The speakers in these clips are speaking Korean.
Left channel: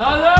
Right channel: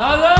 Nalan!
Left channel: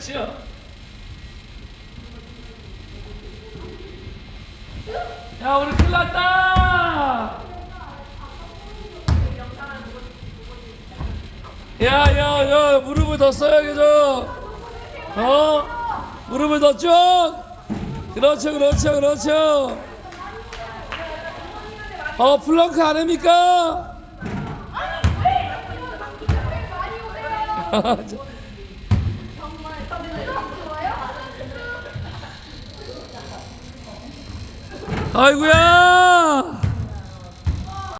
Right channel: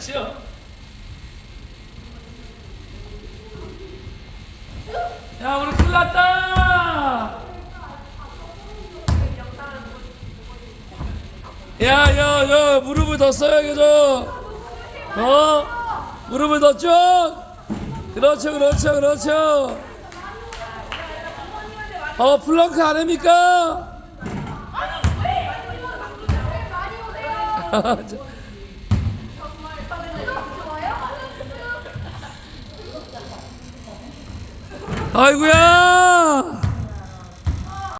그렇죠. 야, 우리 큰일 났다! 야, 야, 야, 무릎을 더 써야겠어. 어? 무릎을 더 쭉! 그렇죠, 그렇죠, 그렇죠. 어, 플렁크 안 합니까? 아이고야!